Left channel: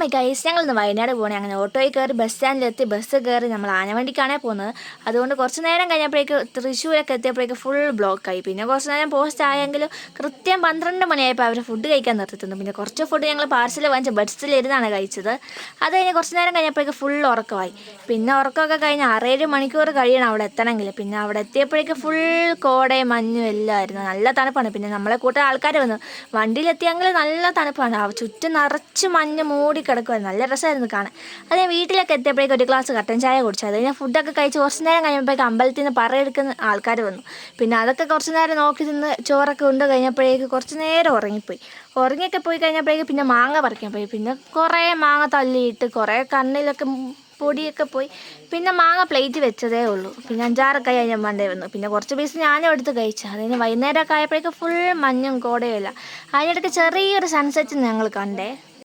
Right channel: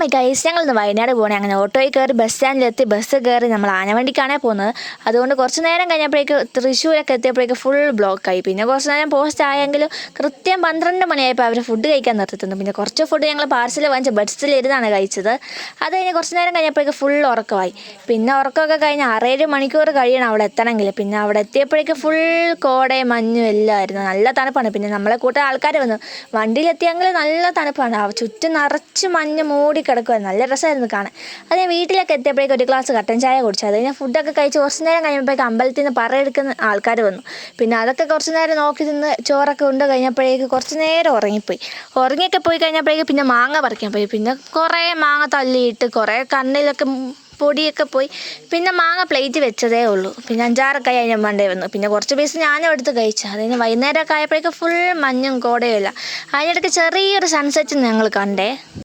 My guys, ഞങ്ങളിന്ന് വയനാട് പോകണേ. അങ്ങനെ ഓട്ടോയിൽ കയറി ബസ് സ്റ്റാൻഡിലെത്തി. ബസ് കയറി നമ്മൾ ആനവണ്ടിക്കാണേ പോകുന്നത്. അതുകൊണ്ട് കുറച്ച് നേരം കഴിഞ്ഞപ്പോഴേക്ക് തൃശ്ശൂരൊക്കെ എത്തിയപ്പോഴേക്ക് ഫുൾ ബ്ലോക്കായി. പിന്നെ കുറച്ച് നേരം പോസ്റ്റ് ആയെങ്കിലും കൃത്യം 12 മണിയായപ്പോൾ അവർ ഫുഡ് കഴിക്കാൻ നിർത്തുന്നു. പിന്നെ കുറച്ച് ഫുഡ് ഞങ്ങൾ പാർസൽ വാങ്ങിച്ച് ബസ്സിലിരുന്നാണ് കഴിച്ചത്. അത് കഴിഞ്ഞ് കുറച്ച് നേരം കഴിഞ്ഞപ്പോഴേക്ക് ഫുൾ ഉറക്കമായി. പിന്നെ ഉറക്കമൊക്കെ കഴിഞ്ഞ് 6-7 മണിക്കൂർ കഴിയണം അവിടെ എത്തണമെങ്കിൽ. പിന്നെ അവിടെ എത്തിയപ്പോഴേക്ക് ഫുൾ കോടയും മഞ്ഞും എല്ലാം ആയിരുന്നു. നല്ല തണുപ്പാണ്. പിന്നെ നമ്മളെ കൂട്ടം ആൾക്കാർ വന്നു. വണ്ടിയിലെത്തിയെങ്കിൽ നല്ല തണുപ്പാണ്. ചുറ്റും നിറച്ച് മഞ്ഞ് മൂടി കിടക്കുമായിരുന്നു. നല്ല രസമായിരുന്നു കാണാൻ. അത് ഞാൻ വീട്ടിലേക്ക് എത്തിയപ്പോഴേക്കും ഒരു ഗ്ലാസ് കട്ടൻ ചായ കുടിച്ചു. അത് കഴിഞ്ഞാൽ ഫുഡൊക്കെ കഴിച്ച് കുറച്ച് നേരം കഴിയുമ്പോഴേക്കും അമ്പലത്തിൽ നിന്ന് പറയെടുക്കുന്ന ആൾക്കാർ വന്നു. പിന്നെ അതൊക്കെ കുറച്ച് നേരം നോക്കി നിന്ന് ചോറൊക്കെ ഉണ്ട് കഴിഞ്ഞപ്പോഴേക്ക് കുറച്ച് നേരം ഉറങ്ങിയൊക്കെ പോയി കഴിഞ്ഞപ്പോഴേക്ക് പിന്നെ മാങ്ങ പറിക്കാൻ പോയി. പിന്നെ കുറേ മാങ്ങ തള്ളിയിട്ട് കുറേ കണ്ണിലൊക്കെ പൊടിയൊക്കെ പോയി. പിന്നെ മാങ്ങ പ്ലേറ്റ് വെച്ചതേ ഉള്ളൂ. പിന്നെ 5-6 കൈ അതിന് മണ്ടേ വന്നു. പിന്നെ കുറച്ച് പീസ് ഞാനും എടുത്ത് കഴിച്ചു. അത് കഴിഞ്ഞ് വൈകുന്നേരമൊക്കെ ആയപ്പോഴേക്കും ഫുൾ മഞ്ഞും കോടയും ഇല്ല. അതിനിടയ്ക്ക് ചെറിയൊരു സൺസെറ്റ് ഞങ്ങൾ കണ്ടേ.